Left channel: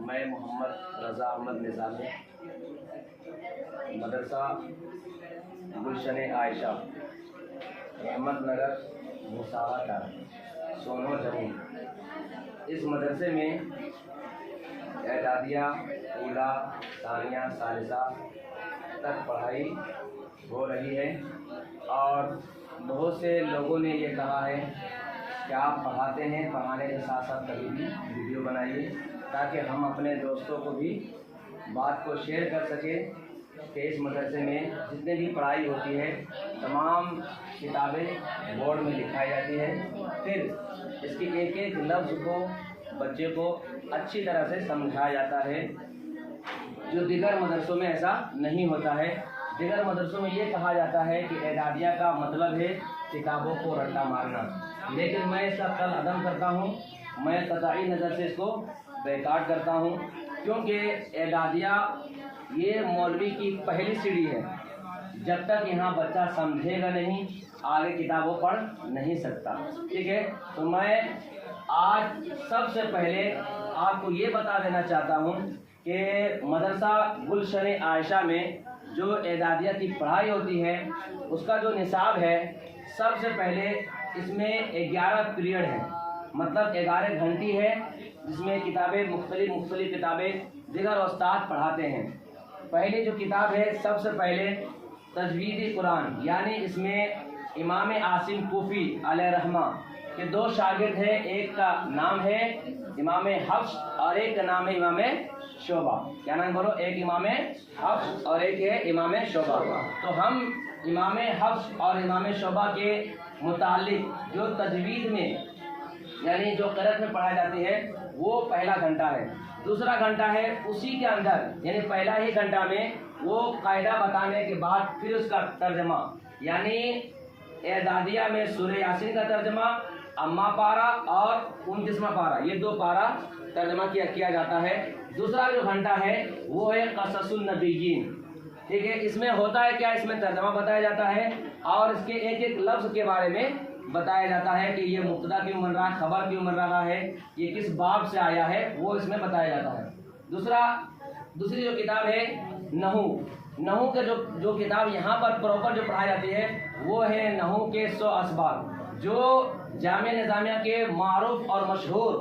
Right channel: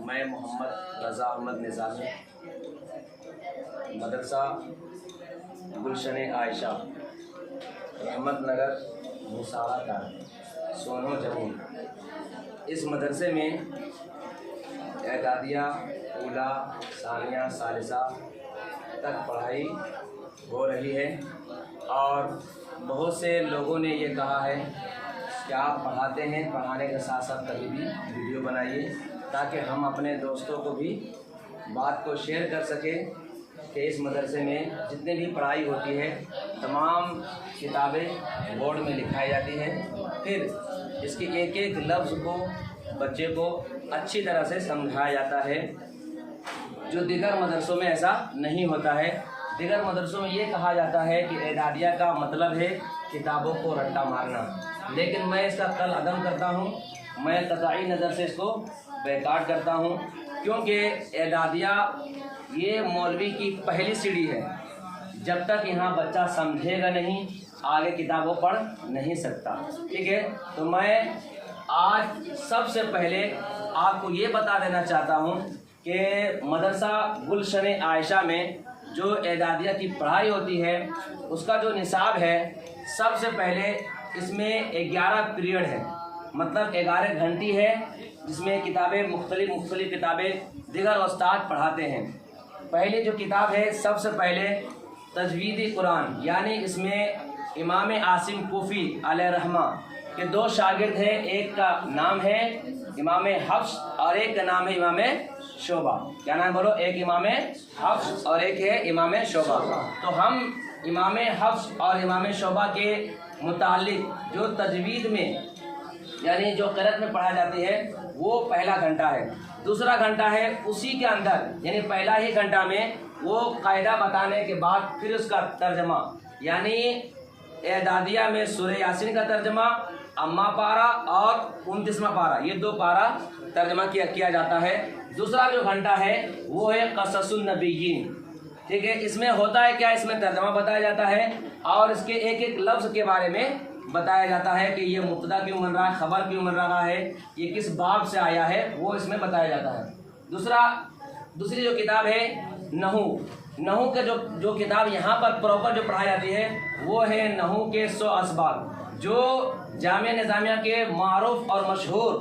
मैं मोहम्मद रज़ा अहमद निज़ामी मदरसा गुलशन आयशा रहमत नगर मुसावा का सोनो जम्मू। इस मदरसे में एदादिया ऊला सानिया सालिसा तक पढ़ाई हो रही है और बहुत से लोगों ने ये कहा है कि आप पढ़ाते हैं, पढ़ाने के साथ साथ कभी भी वीडियो बनाइए ताकि हम अपने दोस्तों को भी बात को शेयर कर सकें कि इस मदरसे में जितने भी पढ़ाई होती है तमाम किताबें बोर्ड में लिखाई जाती हैं, फिर इसके एक एक लफ्ज़ को बच्चे को अच्छी तरह से समझाया जाता है, जो दीगर मदरसों में ऐसा नहीं होता है। दीगर मदरसों में ये कहा जाता है कि एदादिया का मतलब है किताबों को रट्टा मारना, लेकिन मैं इसका कल अदम करता हूँ। मैं कतई नज़र से इसको बैकाट करता हूँ, क्योंकि एदादिया ये मौलवी की पहली सीढ़ी है। जब तक यहाँ बच्चा समझेगा नहीं आगे किताबों पढ़ नहीं सकता। ठीक है, तो मैं आज सबसे पहले आपको ये बता देना चाहता हूँ कि मदरसा गुलशन आयशा में जो एदादिया की पढ़ाई होती है उसका जो निसाब है, सबसे पहले इसमें 11 पीरियड है, मतलब 11 घंटी है, जिसमें किताबें मुख्तलिफ किताबें दीगर उस्ताद पढ़ाते हैं। पहली जो किताब है सबसे पहले तजवीदी कुरान, यानी इसमें इमाम आसिम कूफ़ी अलैहिर्रहमा के 2 शागिर्द हैं, एक का नाम है इमाम हफ्स और एक का नाम है इमाम शोबा। क्या नाम बोलो? एक इमाम हफ्स और एक है इमाम शोबा। तो हम इमाम हफ्स और इमाम शोबा के मुतालिक जो तजवीद में यानी जो क़िरात में पढ़ा जाती है वो पहला घंटा है। दूसरा घंटा है उसी के अंदर, यानी पहला ही घंटा में वो कायदा बताने के बाद फिर उसका तर्जमा, यानी एदादिया में सूरह यासीन का तर्जमा, अम्मा पारा और 29वां पारा, ये 2 पारा तर्जमा किया जाता है। दूसरा जो घंटा है वो है क़ससुन नबिय्यीन। ठीक है, इसमें होता है क्या, इसमें तर्जमा बताया जाता है और इसके एक एक लफ्ज़ के बारे में बताया जाता है कि ये मुब्तदा क्यों बन रहा है, ख़बर क्यों बन रहा है, ये किस बाब से आया है, वो इसमें बताया जाता है। दूसरी जो किताब है नहू के जो किताब यहाँ पर प्रॉपर जो पढ़ाई जाती है वो है नहू के 100 असबाब, जो जामिया निज़ामिया के मारूफ और मशहूर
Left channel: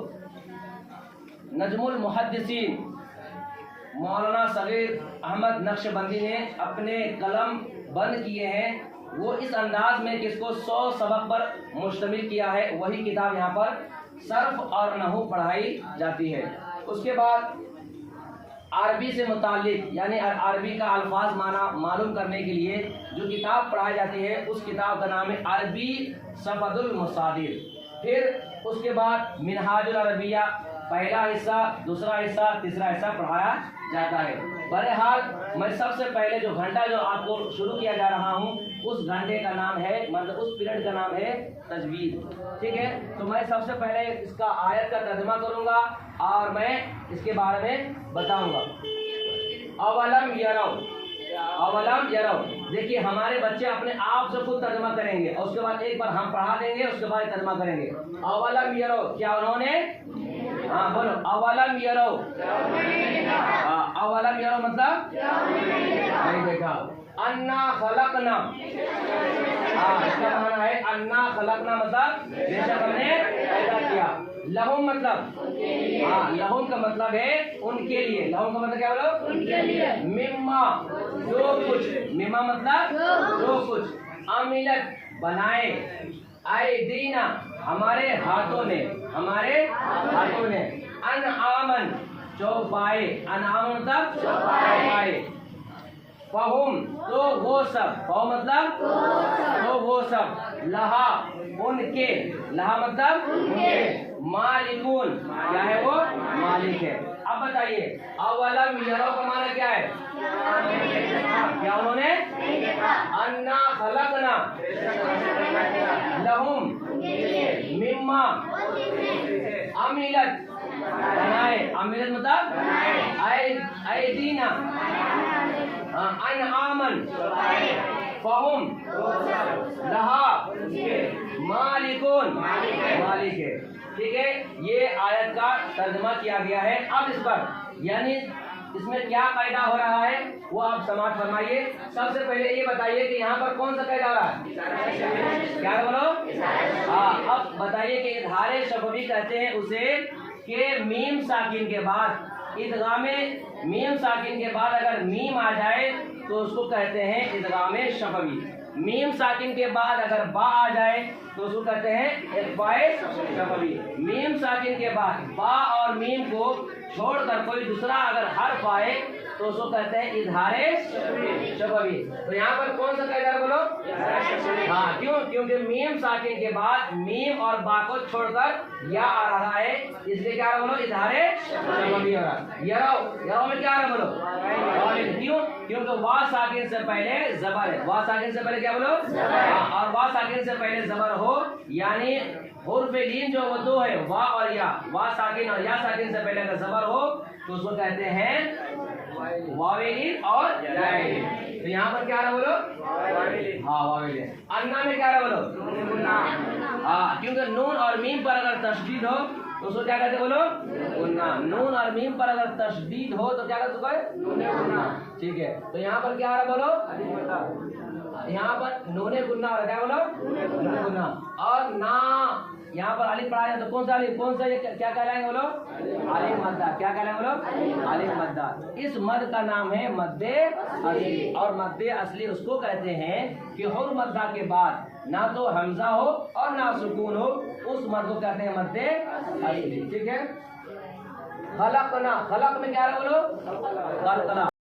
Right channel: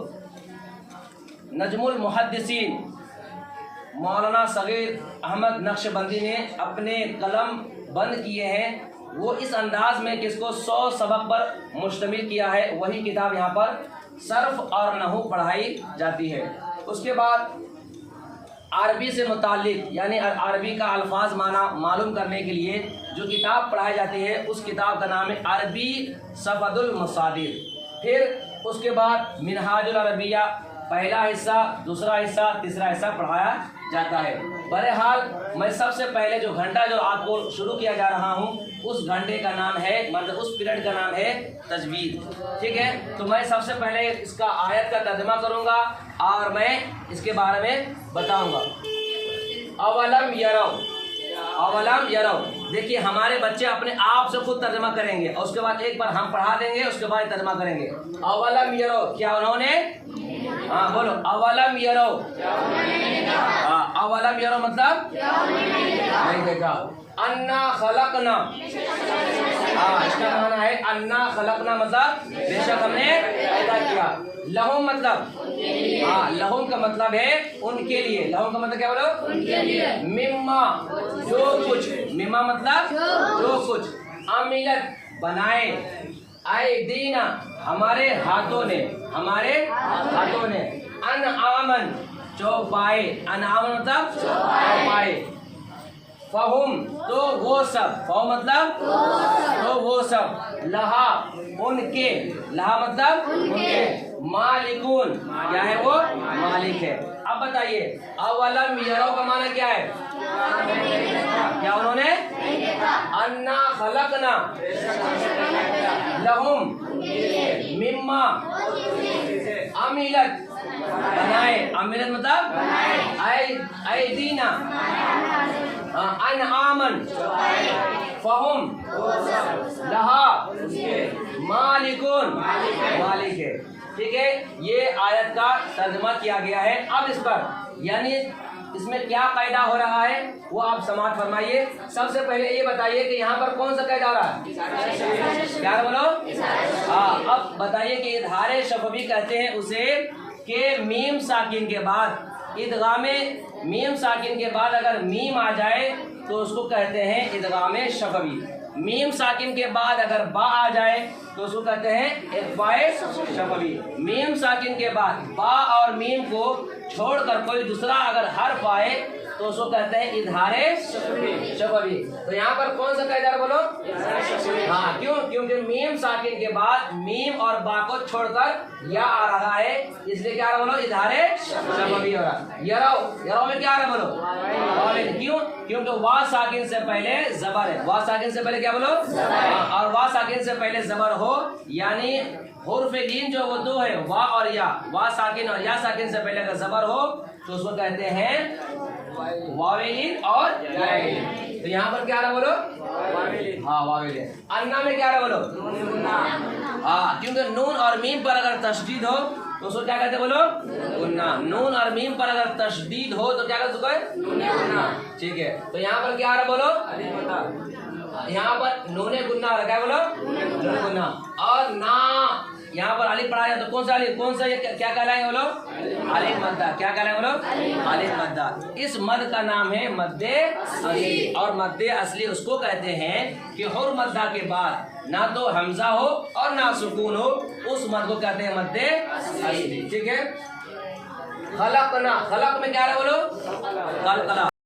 नजमुल मुहद्दिसीन मौलाना सगीर अहमद नक्शबंदी ने अपने कलम बंद किए हैं। वो इस अंदाज में कि इसको 100 सबक पर मुश्तमिल किया है, वही किताब यहाँ पर सर्फ और नहू पढ़ाई जाती है। उसके बाद अरबी से मुताल्लिक, यानी अरबी का अल्फाज माना मालूम करने के लिए जो किताब पढ़ाई जाती है उस किताब का नाम है अरबी सफ़दुल मसादिर। फिर उसके बाद मिनहाजुल अरबिया, पहला हिस्सा, दूसरा हिस्सा, तीसरा हिस्सा पढ़ाया जाता है। बहरहाल मैं सबसे पहले जो घंटा जो आपको शुरू किया जा रहा हूँ उस घंटे का नाम है, मतलब उस पीरियड का नाम है तजवीद। ठीक है, तो मैं सबसे पहले इसका आयत का तर्जुमा करूँगा और मैं इसके बारे में बताऊँगा। अवलम यरौ, देखिए हमारे बच्चे अपने आप से खुद तर्जुमा करेंगे और उसके बाद एक बार हम पढ़ा देंगे, उसके बाद तर्जुमा करेंगे। अवलम यरौ, क्या उन्होंने, हाँ बोलो, अवलम यरौ। अवलम यरौ मतलब नहीं देखा। अन्ना खलकना, इसका माना है अन्ना खलकना मतलब बेशक हमने पैदा किया। लहुम मतलब, लहुम का मतलब है उनके लिए। लहुम का मतलब क्या बोलो? उनके लिए। मिम्मा, जो कुछ, मिम्मा मतलब जो कुछ, अमिलत बनाए, आइदीना हमारे हाथों ने, अनआमन चौपाए, अनआमन मतलब चौपाए, फहुम तो वो सब, फहुम मतलब तो वो सब, लहा उनके, लहा मतलब उनके, मालिकून क्या है, वो मालिक है। अब बताइए अवलम यरौ का माना क्या है? क्या उन्होंने? अन्ना खलकना लहुम मिम्मा अमिलत बनाए, अमिलत मतलब आइदीना, अनआमन फहुम लहा मालिकून, मालिक है। ٹھیک ہے، یہ آیت کا ترجمہ کیا گیا ہے۔ اب اس پر یعنی اس میں کیا قاعدہ ہو رہا ہے وہ آپ سماعت فرمائیے۔ سب سے پہلے یہ بتائیے کہ یہاں پر کون سا قاعدہ ہو رہا ہے؟ کیا بولو؟ ہاں، اب بتائیے کہ اظہار شفوی کہتے ہیں اسے کہ میم ساکن کے بعد ادغام، میم ساکن کے بعد اگر میم آ جائے تو اس کو کہتے ہیں ادغام شفوی۔ میم ساکن کے بعد اگر با آ جائے تو اس کو کہتے ہیں اخفاء شفوی۔ میم ساکن کے بعد با اور میم کو چھوڑ کر کوئی دوسرا اگر حرف آئے تو اس کو کہتے ہیں اظہار شفوی۔ تو یہاں پر کون سا قاعدہ بولو؟ ہاں، کیوں؟ کیونکہ میم ساکن کے بعد میم اور با کو چھوڑ کر یا آ رہا ہے، اس لیے کیا رہا بولو؟ اظہار شفوی ہو رہا ہے۔ یرو میں کیا رہا بولو؟ کیوں؟ کیونکہ وا ساکن سے پہلے زبر ہے۔ وا ساکن سے پہلے کیا بولو؟ اور وا ساکن سے پہلے زبر ہو، یعنی حرف لین جو وہ دو ہے، وا اور یا، وا ساکن اور یا ساکن سے پہلے اگر زبر ہو تو اس کو کہتے ہیں واویلین اور یاویلین۔ تو یہاں پر کیا رہا بولو؟ ہاں، واویلین۔ انا میں کیا رہا بولو؟ ہاں، کیونکہ نون اور میم پر اگر تشدید ہو تو اس کو کیا کہتے بولو؟ غنہ۔ نون اور میم پر اگر تشدید ہو تو کیا کہہ سکتے ہیں؟ غنہ۔ ٹھیک ہے، تو یہاں پر کیا رہا بولو؟ یہاں پر نون غنہ ہو رہا ہے، کیا بولو؟ نون غنہ۔ اور نا یہاں پر الف پڑھا جائے تو کون سا الف؟ کون سا یہ کیا کہلائیں گے بولو؟ الف مدہ۔ کیا کہلائیں گے بولو؟ الف مدہ۔ اس مد کا نام ہے مد اصلی، اور مد اصلی اس کو کہتے ہیں کہ حرف مدہ کے بعد نہ تو حمزہ ہو اور نہ سکون ہو، اس مد کو کہتے ہیں مد اصلی۔ ٹھیک ہے، خلقنا، خلق میں کیا رہا بولو؟ قلقلہ۔